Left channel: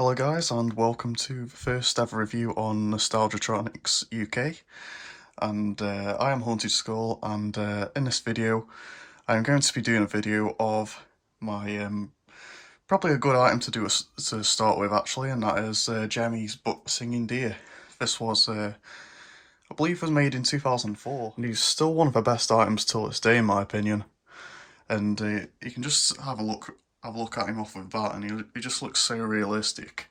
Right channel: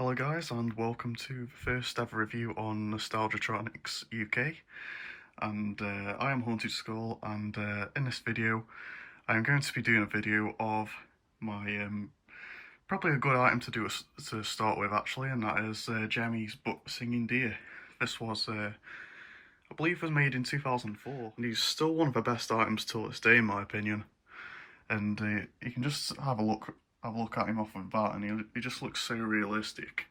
Hello guys, and welcome to the first ever review on Nostalgiatronics UK, and I am Haunted Skull, and in this video I am going to be doing a video of my probably a good item to do to start with actually, and that is Gemmy's book Singing Deer. This was I believe was made in 2004, and he's still one of the best items till this day in my opinion, and you can just have a look at him off with that, and he just looks so realistic.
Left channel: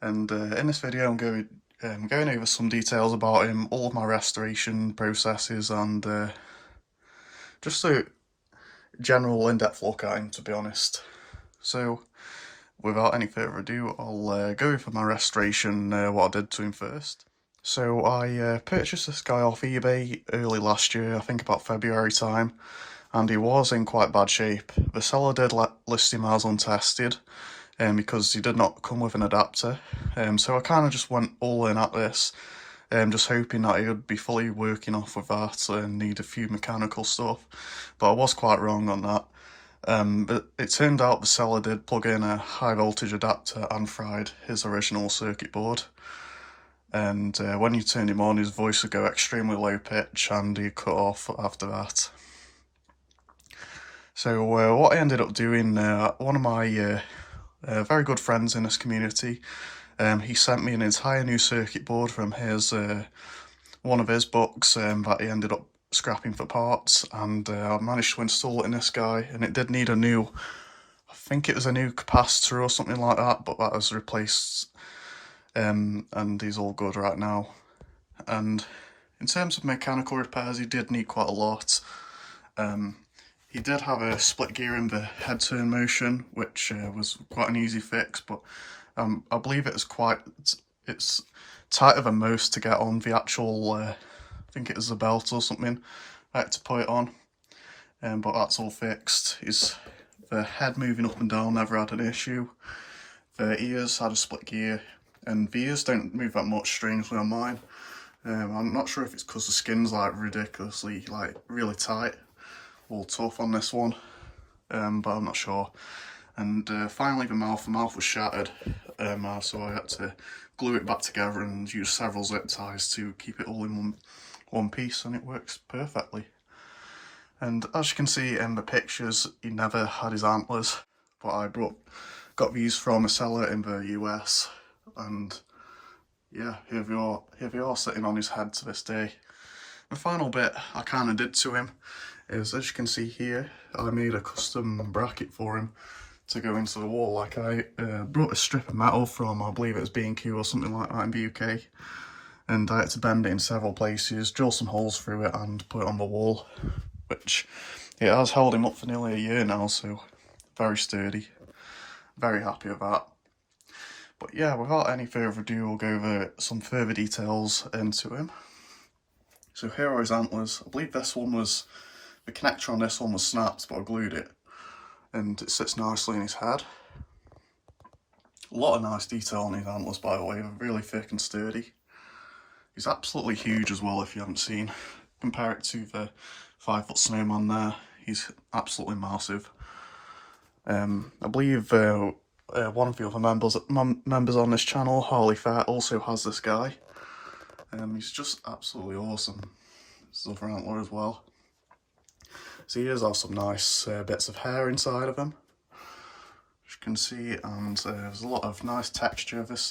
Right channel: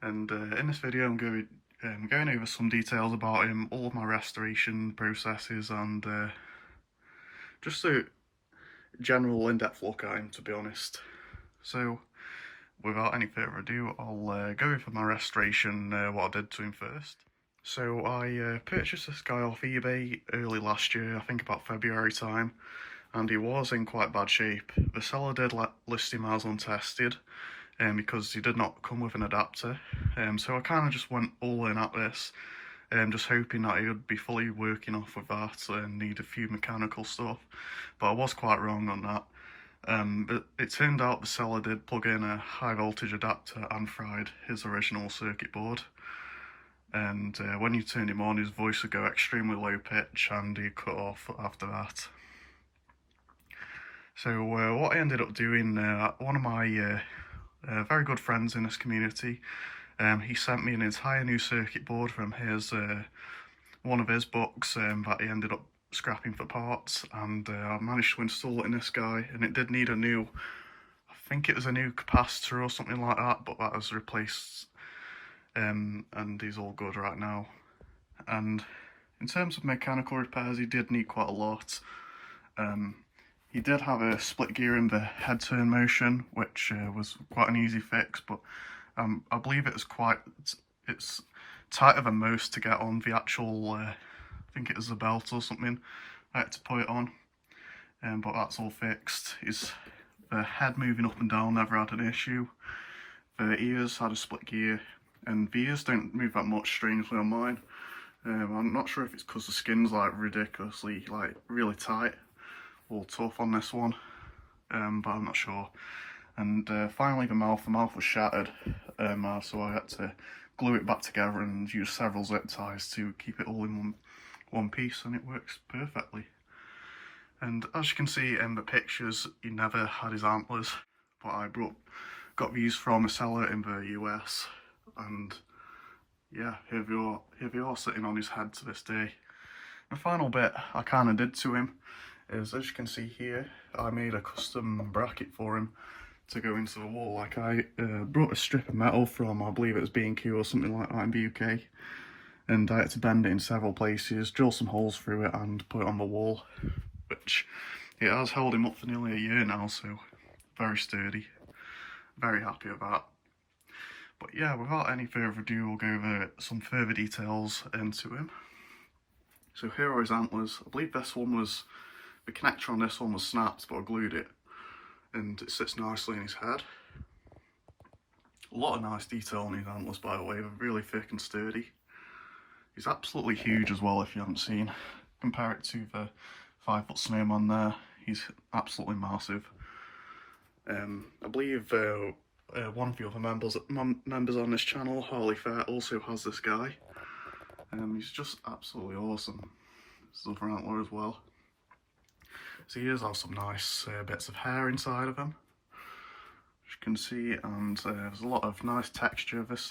And in this video I'm going over some details about him, all of my restoration processes, and just a general in-depth look at him, to be honest. So without any further ado, I'll go over my restoration, what I did to him first. So I purchased this guy off eBay early last year, I think about February time, and he was in quite bad shape. The seller did list him as untested, because he did not come with an adapter, so I kind of just went all in at this, just hoping that he would be fully working off with that and need a few mechanical stuff, but I was quite wrong on that. But it turned out the seller did plug in a high voltage adapter and fried his original circuit board, and when you turned him on his voice would go extremely low pitch and he'd cut off after that. So what I ended up doing, one of my very good friends in this community, he sent me an entire new circuit board from his one of his books that he ended up scrapping for parts, and I managed to install it in this guy, and it did need a new, I think it was a new capacitor or something like that, but that was replaced, and he's all good right now. And in terms of mechanical repairs, he did need quite a lot. He did have a split gear in the head turn motion, which was quite an easy fix, but I believe it's tighter than most to get on the actual, I think it was the belt or something, I had to put it on, but that's all fixed. The head moving up and down never had an issue. The ears had a split gear, and the ears don't move that much, strangely, on mine. I'm not sure if it's because the skin's like ridiculously, like really tight, all tough on this one, but I'm not sure. And finally the mouth was shattered, so I had to glue it back together and use several zip ties to keep it all in one piece, and it works perfectly. And as you can see in the pictures, he never had his antlers, but I got these from a seller in the US, and yeah, here they are sitting on his head to this day. The final bit I kind of did to him is, as you can see here, I made a custom bracket for him to go into the wall. Like I brought a strip of metal from, I believe it was B&Q or something like that in the UK, and I had to bend it in several places, drill some holes through it and put it on the wall, which it has held him up for nearly a year now, so very sturdy. Very happy with that. But yeah, without any further ado, we'll go over some further details into him. So here are his antlers. I believe this one was, the connector on this one was snapped, but I glued it, and it sits nicely in his head. A lot of nice detail on his antlers, by the way, they're really thick and sturdy. He's absolutely huge as well, if you haven't seen. Compare it to the 5-foot snowman there, he's absolutely massive. I believe one of the other members on this channel, Harley Fair, also has this guy. He's just absolutely awesome. His other antler as well. So he does have some nice bits of hair inside of him, as you can see, and there's a lot of nice texture. This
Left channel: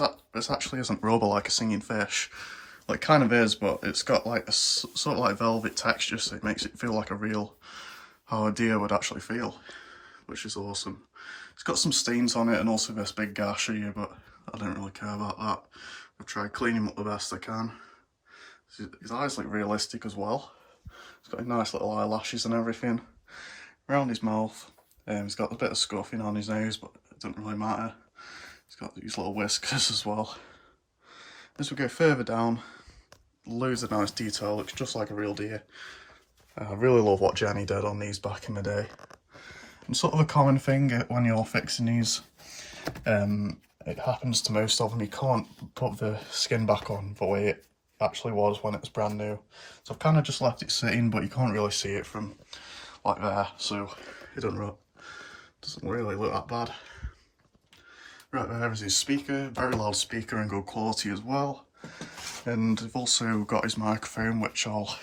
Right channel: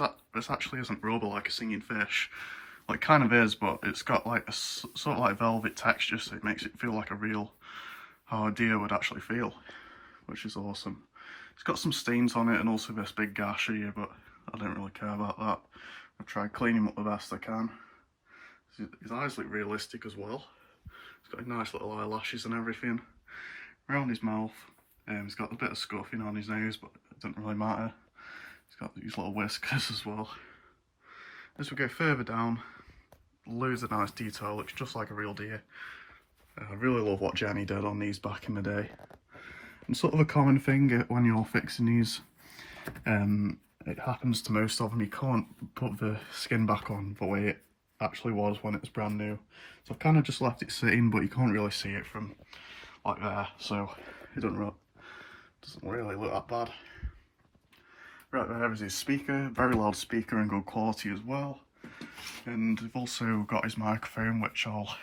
actually isn't rubber like a singing fish. Well, it kind of is, but it's got like a sort of like velvet texture, so it makes it feel like how a deer would actually feel, which is awesome. It's got some stains on it and also this big gash here, but I don't really care about that. I've tried cleaning him up the best I can. His eyes look realistic as well. He's got nice little eyelashes and everything. Around his mouth, he's got a bit of scuffing on his nose, but it doesn't really matter. He's got these little whiskers as well. As we go further down, loads of nice detail, looks just like a real deer. I really love what Jenny did on these back in the day. And sort of a common thing when you're fixing these, it happens to most of them, you can't put the skin back on the way it actually was when it was brand new. So I've kind of just left it sitting, but you can't really see it from like there, so it doesn't really look that bad. Right there is his speaker, very loud speaker and good quality as well. And I've also got his microphone, which I'll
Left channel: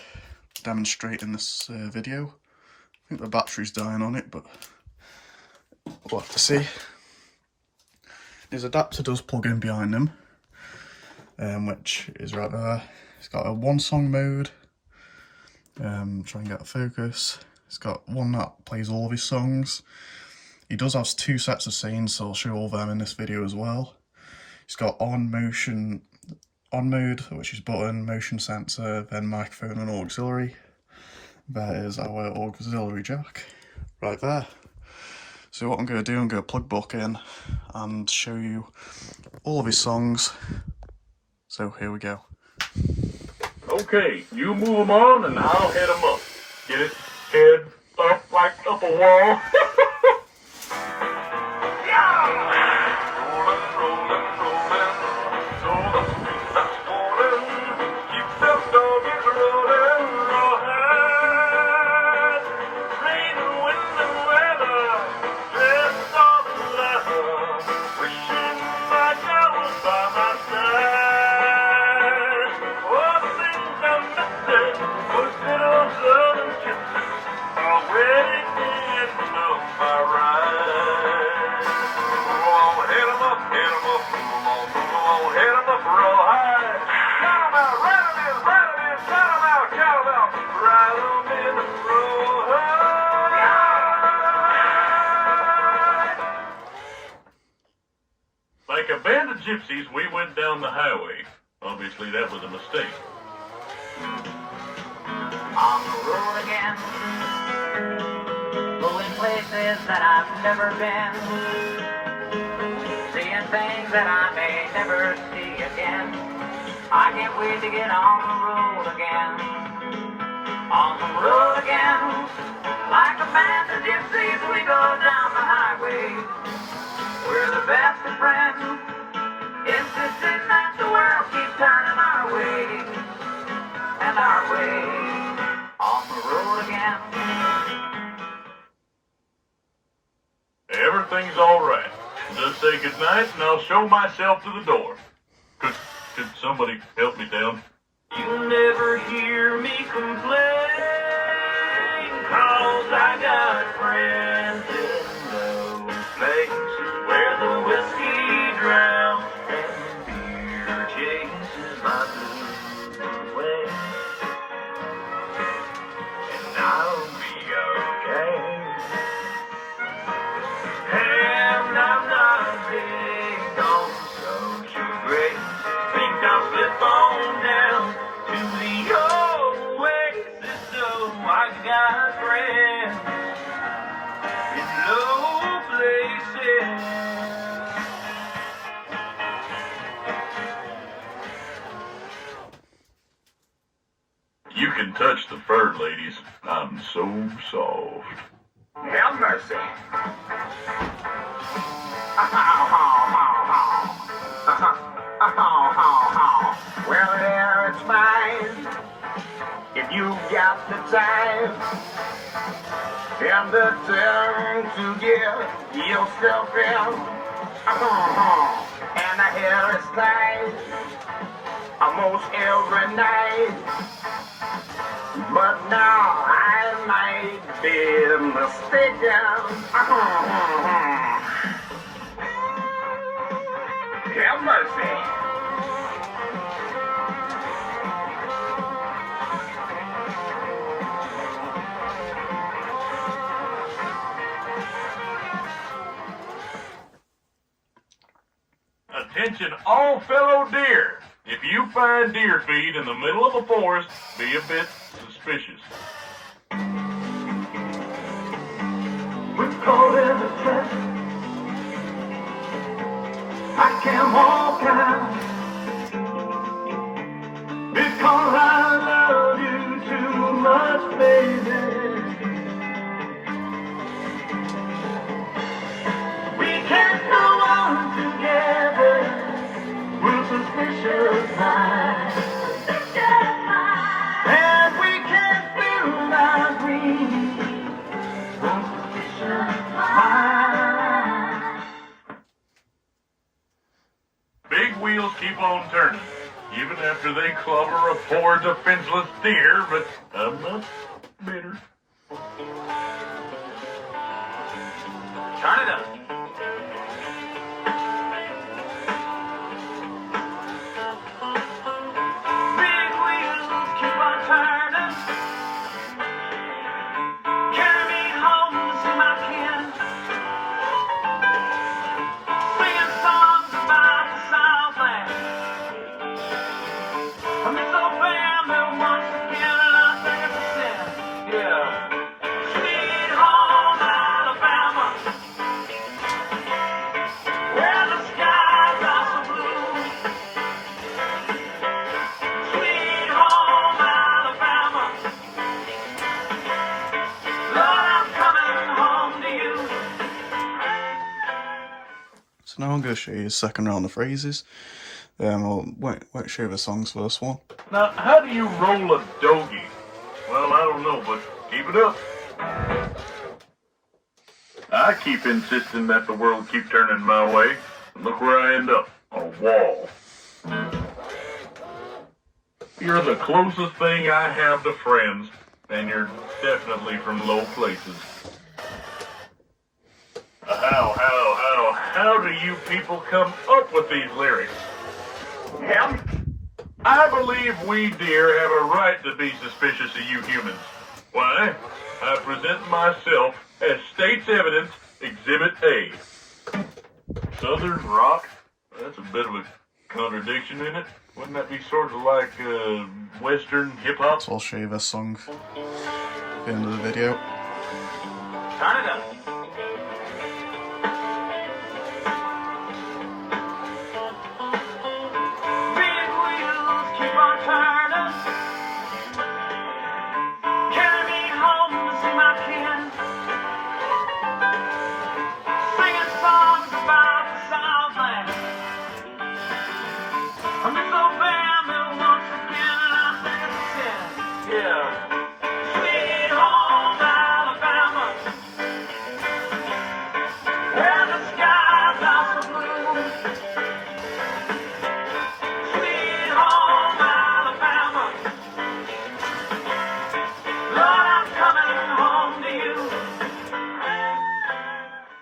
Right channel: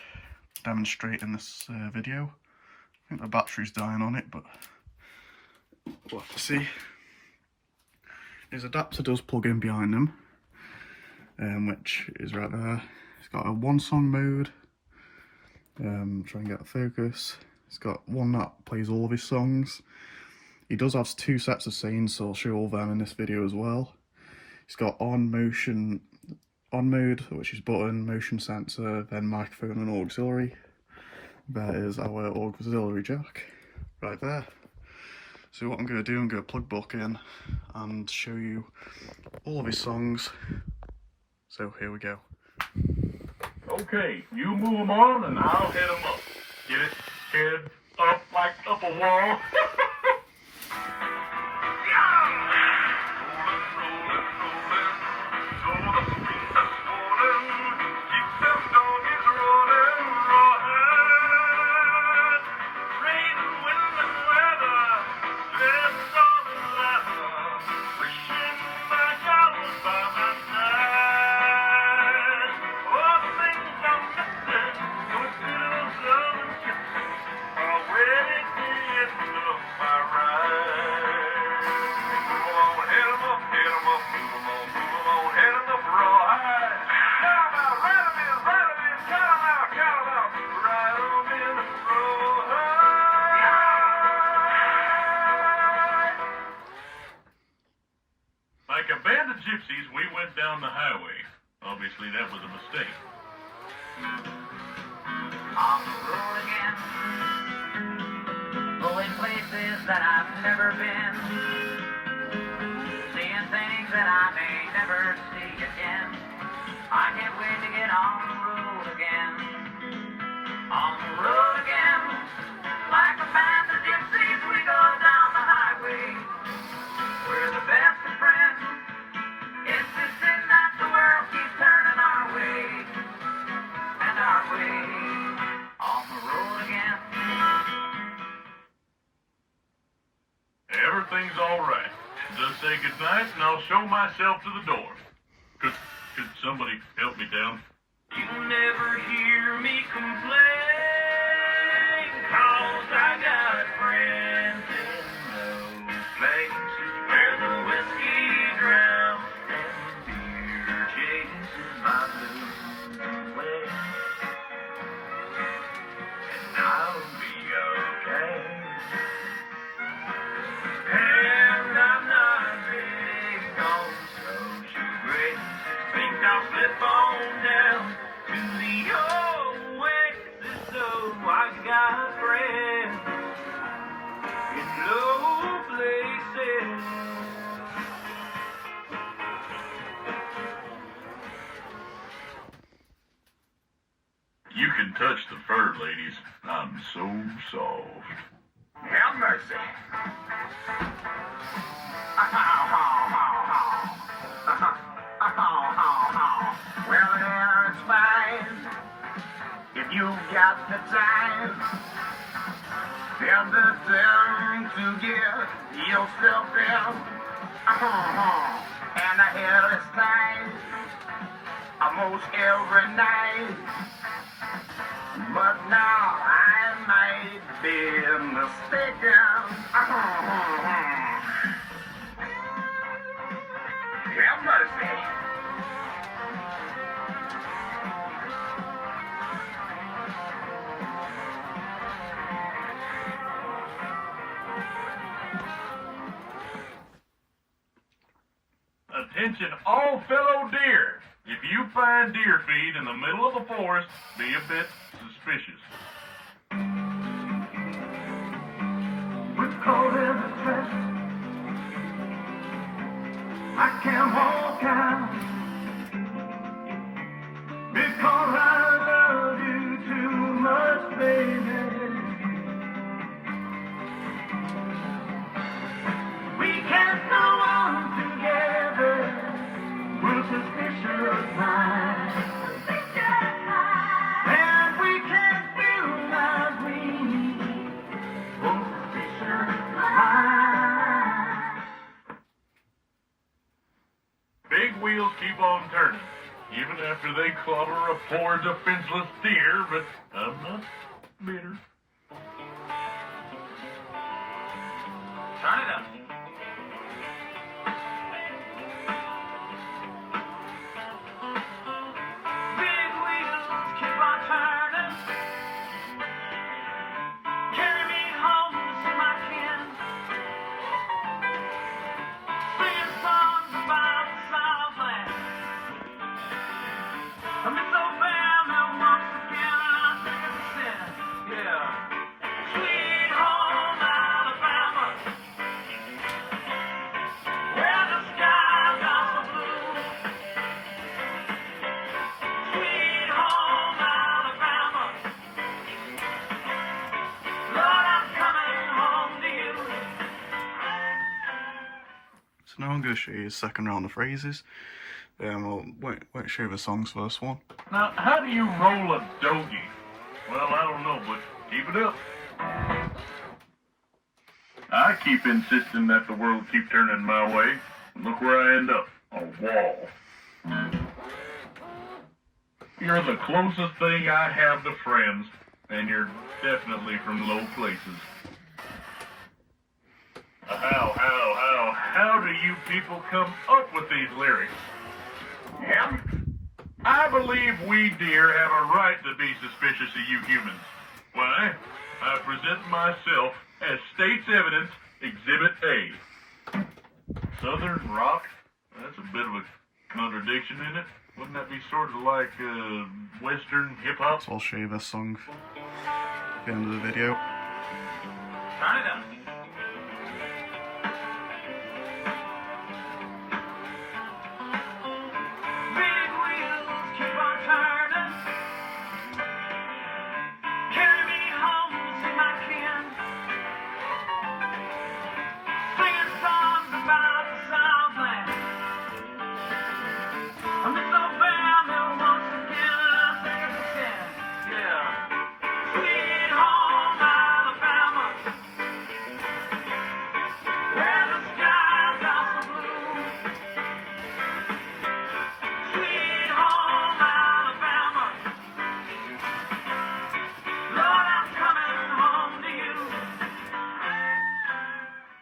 demonstrate in this video. I think the battery's dying on it, but we'll have to see. His adapter does plug in behind him, which is right there. It's got a one song mode, try and get a focus. It's got one that plays all of his songs. He does have two sets of scenes, so I'll show all them in this video as well. He's got on mode, which is button, motion sensor, then microphone and auxiliary. There is our auxiliary jack, right there. So what I'm going to do, I'm going to plug Buck in and show you all of his songs. So here we go. Okay, you move them on and I'll head them up. Get it? Head up like up a wall. Like a band of gypsies, we went down the highway. Obviously, that was a mistake. On the road again, going places that I've never been, seeing things that I may never see again. I can't wait to get on the road again. On the road again, like a band of gypsies, we go down the highway. We're the best of friends, insisting that the world keeps turning our way, and our way, on the road again. Everything's all right. Just say goodnight and I'll show myself to the door. Could somebody help me down? You never hear me complain, 'cause I got friends in those places where the whiskey drowns and the beer chases my blues away. And I'll be okay. And I'm not big on social grace. Think I'll slip on down to the oasis, so I got friends in low places. You can touch the fur, ladies. I'm so soft. Have mercy. Well, there it's fine if you got the time and the time to get yourself in. And the hair is nice almost every night. But now I might be mistaken. Have mercy. Attention all fellow deer. If you find deer feed in the middle of a forest, be a bit suspicious. We're caught in a trap. I can't walk out because I love you too much, baby. We can't go on together. We're suspicious minds. And we can't build our dreams. We're suspicious minds. big wheels keep on turning, even after they clobber a poor defenseless deer, but I'm not bitter. Turn it up. Big wheels keep on turning. Carry me home to see my kin. Singing songs about the Southland. I miss old family once again, and I think it's a sin. Yeah. Sweet home Alabama, where the skies are so blue. Sweet home Alabama, Lord, I'm coming home to you. So now I'm going to show you a second round of phrases. I'll won't show you the songs for this one. Now, how do you roll a doggy? Well, I don't know, but keep it up. I keep insisting that the world keep turning my way. Look where I end up, on a wall. You're the closest thing I have to friends, and you're definitely from low places. How do you people come up with these lyrics? Yeah. I believe we deer have a right to be suspicious of you humans. Why? I present myself as State's Evidence Exhibit A. Southern rock? That's a bit of a contradiction in it. Wouldn't that be sort of like Western hip-hop? So I'll show you this song at the end of the video. Turn it up. Big wheels keep on turning. Carry me home to see my kin. Singing songs about the Southland. I miss old family once again, and I think it's a sin. Yeah. Sweet home Alabama, where the skies are so blue. Sweet home Alabama, Lord, I'm coming home to you.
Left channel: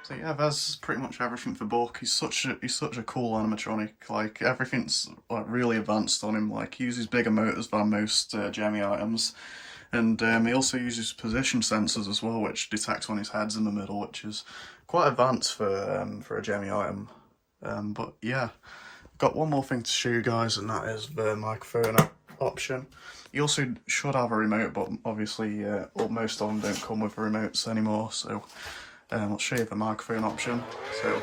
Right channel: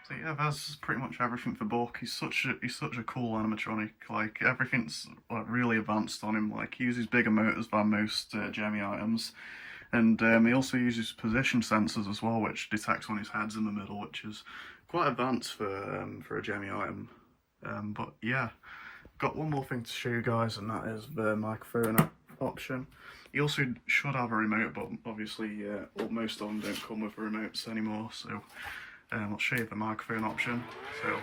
So yeah, that's pretty much everything for Buck. He's such a cool animatronic. Like everything's like really advanced on him. Like he uses bigger motors than most Gemmy items, and he also uses position sensors as well, which detects when his head's in the middle, which is quite advanced for a Gemmy item. But yeah, got one more thing to show you guys, and that is the microphone option. You also should have a remote, but obviously most of them don't come with remotes anymore. So I'll show you the microphone option. So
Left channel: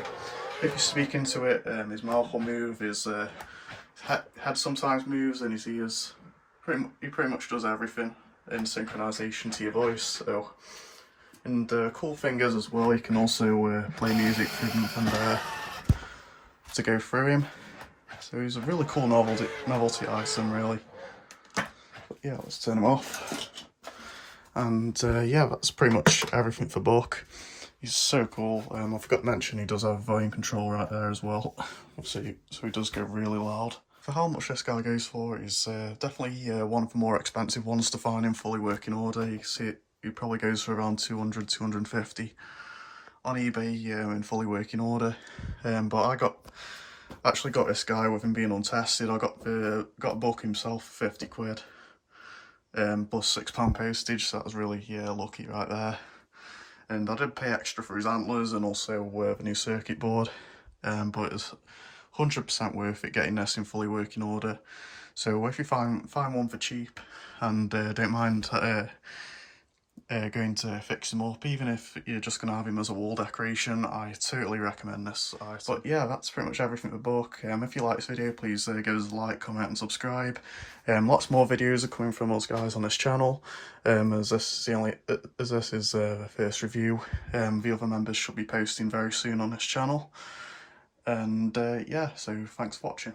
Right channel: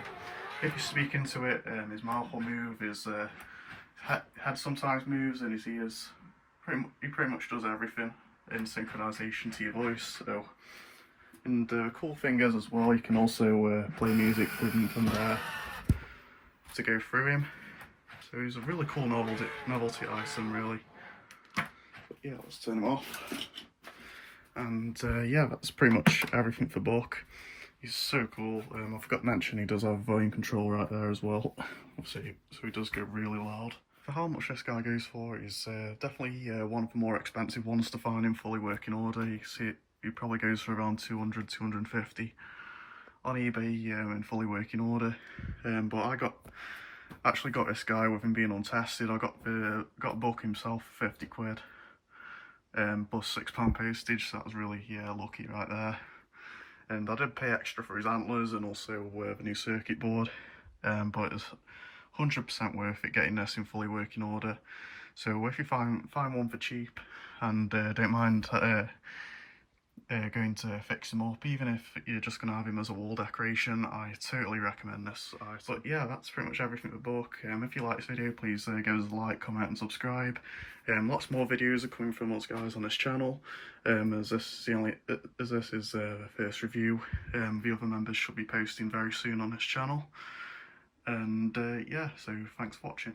if you speak into it, his mouth will move, his head sometimes moves, and his ears. He pretty much does everything in synchronization to your voice. So, and the cool thing is as well, you can also play music through him to go through him. So he's a really cool novelty item, really. But yeah, let's turn him off. And yeah, that's pretty much everything for Buck. He's so cool. I forgot to mention he does have a volume control right there as well. So he does go really loud. For how much this guy goes for, he's definitely one of the more expensive ones to find in fully working order. You see it, he probably goes for around 200, 250 on eBay in fully working order. But I actually got this guy with him being untested. I got a Buck himself for 50 quid. Plus £6 postage, so that was really lucky right there. And I did pay extra for his antlers and also the new circuit board, but it's 100% worth it getting this in fully working order. So if you find one for cheap and don't mind going to fix him up, even if you're just going to have him as a wall decoration, I totally recommend this. But yeah, that's pretty much everything for Buck. If you like this video, please give us a like, comment and subscribe. Lots more videos are coming from us guys on this channel, as this is the first review. The other members should be posting very soon on this channel. And yeah, so thanks for watching.